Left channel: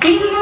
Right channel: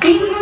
Hindi